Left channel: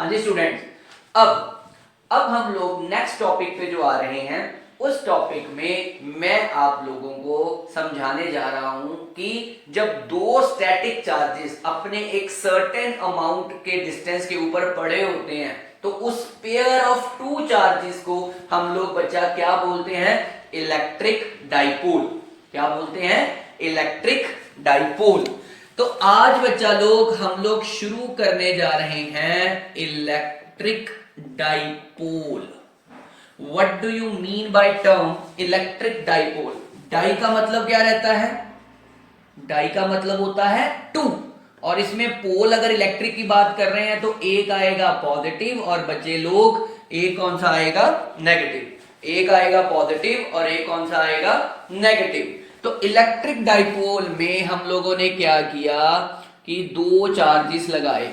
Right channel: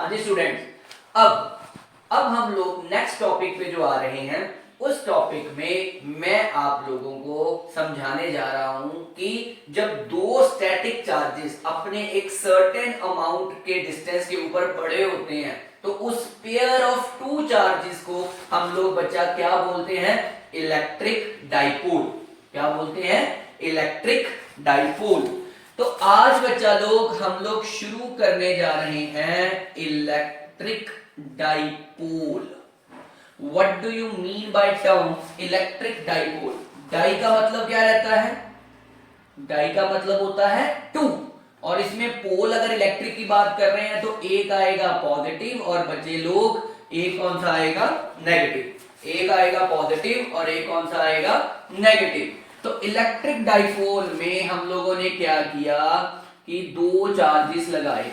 हाँ जी स्टूडेंट्स, अब हम लोग नेक्स्ट टॉपिक पे जो आ रहे हैं, उस टॉपिक में मैं आप लोगों को समझाने जा रहा हूं कि जब दो स्टैटिक चार्जेस अपने एक सर्टेन अमाउंट के डिस्टेंस के ऊपर पड़े होते हैं तो उस पेयर ऑफ टू चार्जेस को हम लोग बच्चा क्या बोलते हैं? Electric dipole. क्या बोलते हैं? Electric dipole. तो आज बच्चा लोग हम लोग शुरू करने जा रहे हैं electric dipole. What do you mean by term electric dipole? Di का मतलब क्या रहता है? डाई का मतलब होता है टू, और इसमें पोल अगर इलेक्ट्रिक की बात कर रहे हैं तो एक आएगा पॉजिटिव और बच्चे लोग एक कौन सा आएगा? नेगेटिव। एक आएगा पॉजिटिव और एक कौन सा आएगा? नेगेटिव। तो इलेक्ट्रिक डाइपोल में हम लोगों ने क्या किया कि दो चार्जेस लगाए,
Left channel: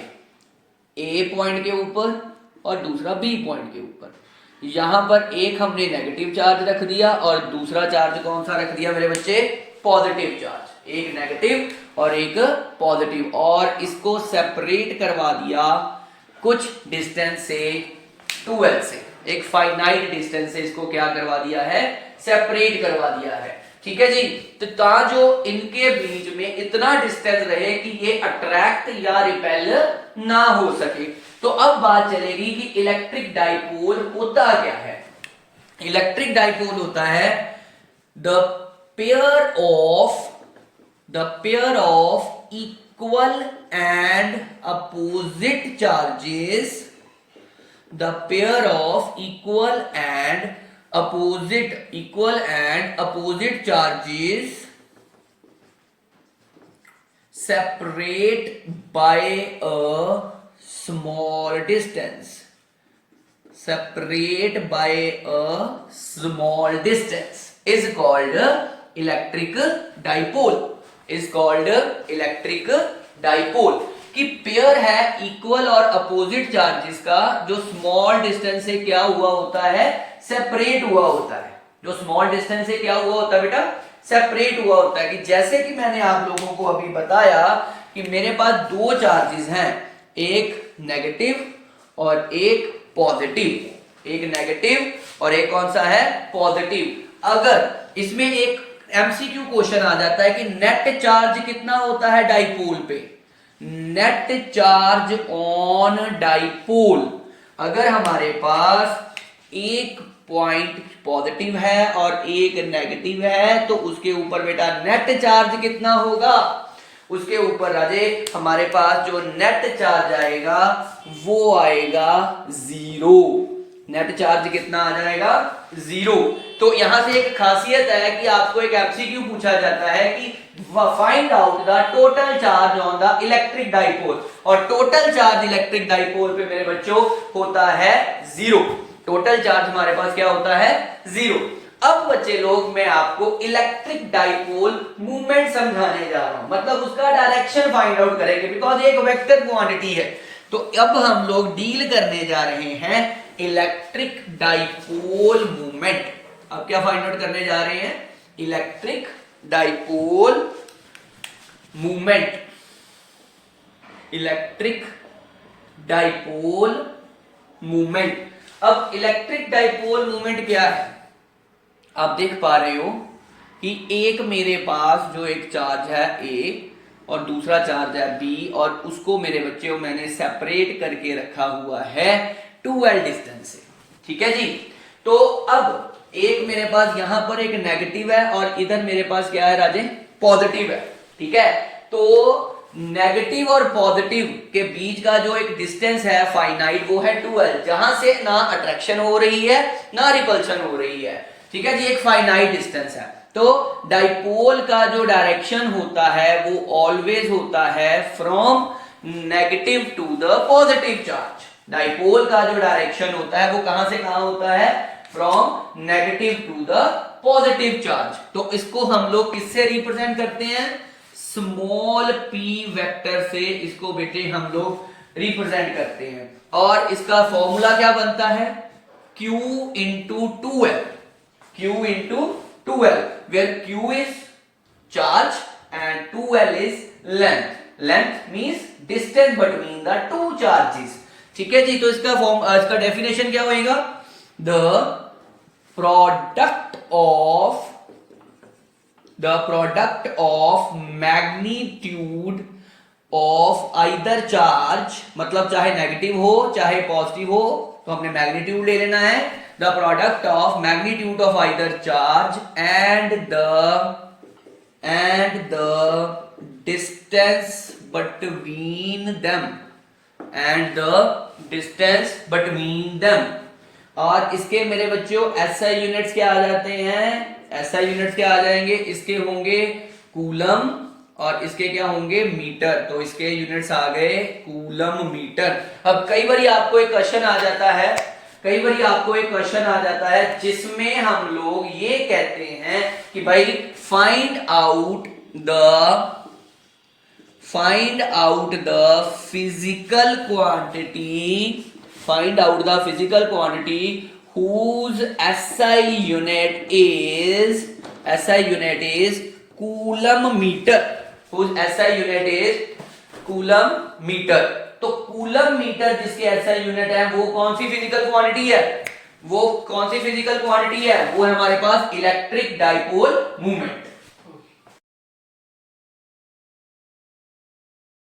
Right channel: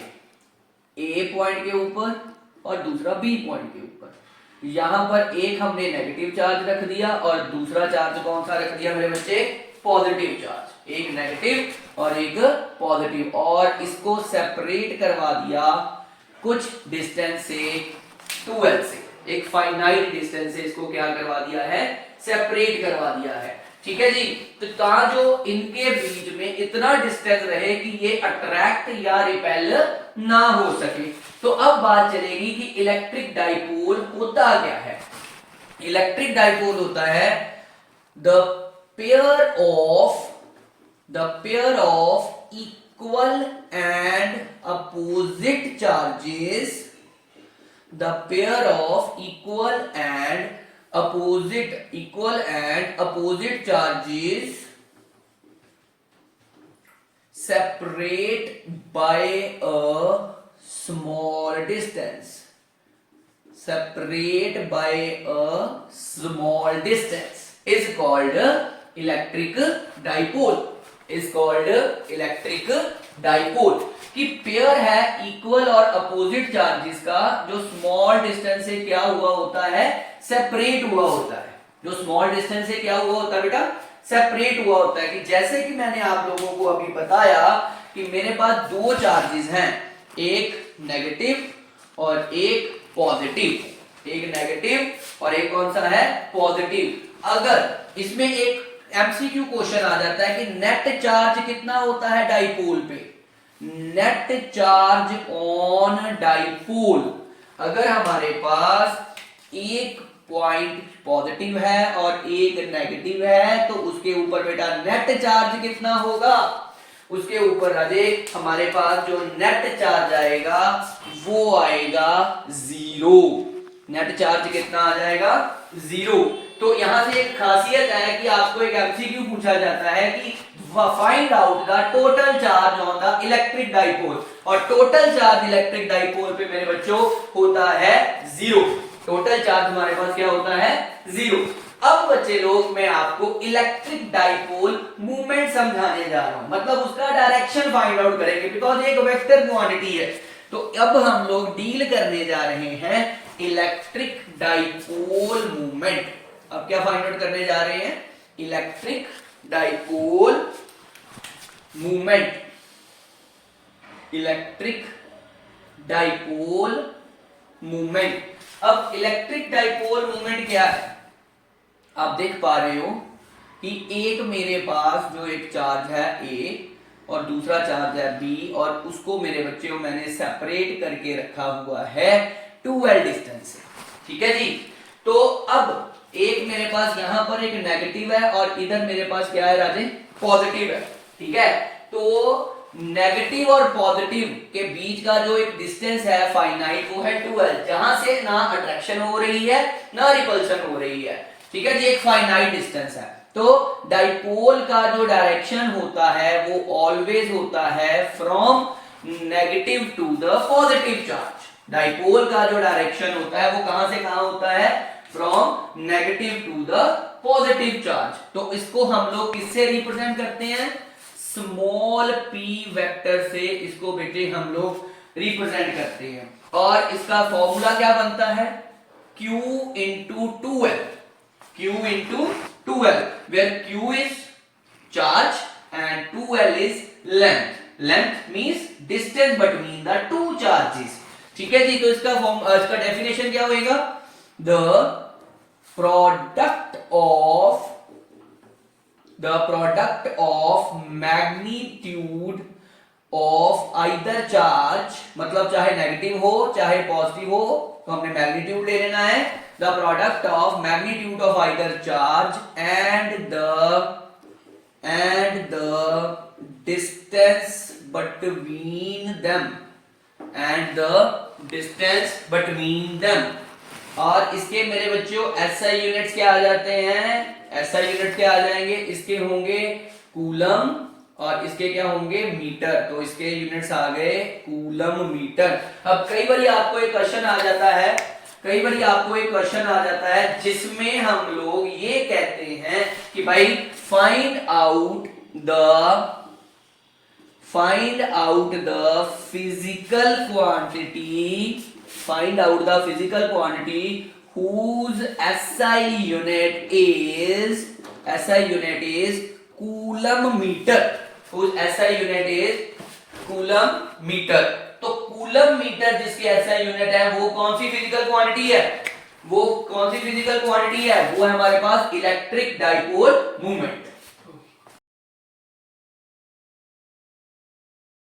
ए पॉइंट के ऊपर और दूसरा बी पॉइंट के ऊपर। यहां पर एक हमने नेगेटिव चार्ज रख दिया और दूसरा चार्ज कौन सा रख दिया मेरे बच्चे? Positive charge. एक नेगेटिव और एक पॉजिटिव, और इसको सेपरेट करवा दिया कुछ डिस्टेंस से, 2l से। एक फाइनाइट डिस्टेंस से इसको क्या करवा दिया है? सेपरेट करवा दिया है। ठीक है जी। तो जो इनके बीच में इतना डिस्टेंस रहे कि ये अट्रैक्ट या रिपेल ना हो सके। तो अब बात चलेगी कि इलेक्ट्रिक डाइपोल होता क्या है। इलेक्ट्रिक डाइपोल होता है the pair of equal and opposite charges, the pair of equal and opposite charges separate by a small distance. Separate by a small distance is called electric dipole. Is called electric dipole. कि pair है equal और opposite charges का, जो small distance से क्या हुआ होता है? सेपरेट हुआ होता है। जो स्मॉल डिस्टेंस से क्या हुआ होता है बेटा? सेपरेट हुआ होता है। कि जैसे कि मैंने आप लोगों को अभी बताया कि मेरे पास दो चार्जेस हैं, एक नेगेटिव और एक पॉजिटिव। एक नेगेटिव और एक कौन सा है? पॉजिटिव। अगर इसमें एक एमसीक्यू क्वेश्चन आ जाता है कि नेट चार्ज कितना होता है डाइपोल पे? नेट चार्ज ऑन डाइपोल, अगर हमारे पास एक पॉइंट पॉजिटिव है और एक नेगेटिव है तो उसके ऊपर बेटा नेट चार्ज कितना होगा? उसके ऊपर राजे हमारे पास जो नेट चार्ज आएगा वो आएगा 0। नेट चार्ज कितना आ जाएगा? 0। तो यहां से एक खासियत है कि आपको एक एमसीक्यू पूछा जाता है कि find out the total charge on the electric dipole, और टोटल चार्ज इलेक्ट्रिक डाइपोल पे मेरे बच्चों होता है 0। टोटल चार्ज हमारे पास क्या होता है? 0। अब बच्चे लोग मैं आपको इलेक्ट्रिक डाइपोल मूवमेंट समझाने जा रहा हूं, मतलब उसका डायरेक्शन फाइंड आउट करेंगे, बिकॉज एक वेक्टर क्वांटिटी है। तो अब हम लोग डील करने जा रहे हैं इलेक्ट्रिक डाइपोल मूवमेंट। अब क्या फाइंड आउट करने जा रहे हैं? Electric dipole movement. Electric dipole movement. अब इलेक्ट्रिक डाइपोल मूवमेंट क्या है? आप देख पा रहे हो कि एक मेरे पास जो एक चार्ज है A और दूसरा चार्ज है B, और उसको मेरे बच्चों मैंने सेपरेट करके रखा हुआ है 2l डिस्टेंस से। ठीक है जी। तो अब एक मेरे पास यहां पर एक नेगेटिव है और इधर मेरे पास क्या है राजे? पॉजिटिव है। ठीक है। तो नेगेटिव और पॉजिटिव के बीच का जो एक डिस्टेंस है फाइनाइट, वो है 2l, जहां से ना अट्रैक्शन हो रही है ना रिपल्शन हो रही है। ठीक है जी। एक फाइनाइट डिस्टेंस है। तो डाइपोल का जो डायरेक्शन होता है वो ऑलवेज होता है from negative to the positive charge. Dipole का जो डायरेक्शन होता है वो कहां से कहां होता है? From negative to the positive charge. तो इसको हम लोग किससे रिप्रेजेंट करते हैं? स्मॉल p वेक्टर से इसको बेटे हम लोग रिप्रेजेंट करते हैं। और इसका फॉर्मूला क्या बनता है? q into 2l। q into 2l, where q is charge and 2l is length. Length means distance between the two charges. ठीक है जी। तो इसका फॉर्म, इसका डेफिनेशन क्या होएगा? The product of magnitude of either charge, मतलब चाहे नेगेटिव हो चाहे पॉजिटिव हो, तो हमने मैग्नीट्यूड ले लेना है। The product of magnitude of either charge and the distance between them और इसके मेरे बच्चों SI यूनिट्स क्या आ जाते हैं? SI यूनिट्स क्या आ जाएंगे? इसके होंगे कूलम और इसके क्या होंगे? मीटर। तो इसके यूनिट्स आ गए कूलम मीटर। अब कई बार आपको एक क्वेश्चन आ जाता है जिसमें हम लोग ये कहते हैं कि भाई find out the physical quantity whose SI unit is coulomb metre. तो कूलम मीटर जिसके SI यूनिट है वो कौन सी फिजिकल क्वांटिटी है? वो है हमारे पास इलेक्ट्रिक डाइपोल मूवमेंट।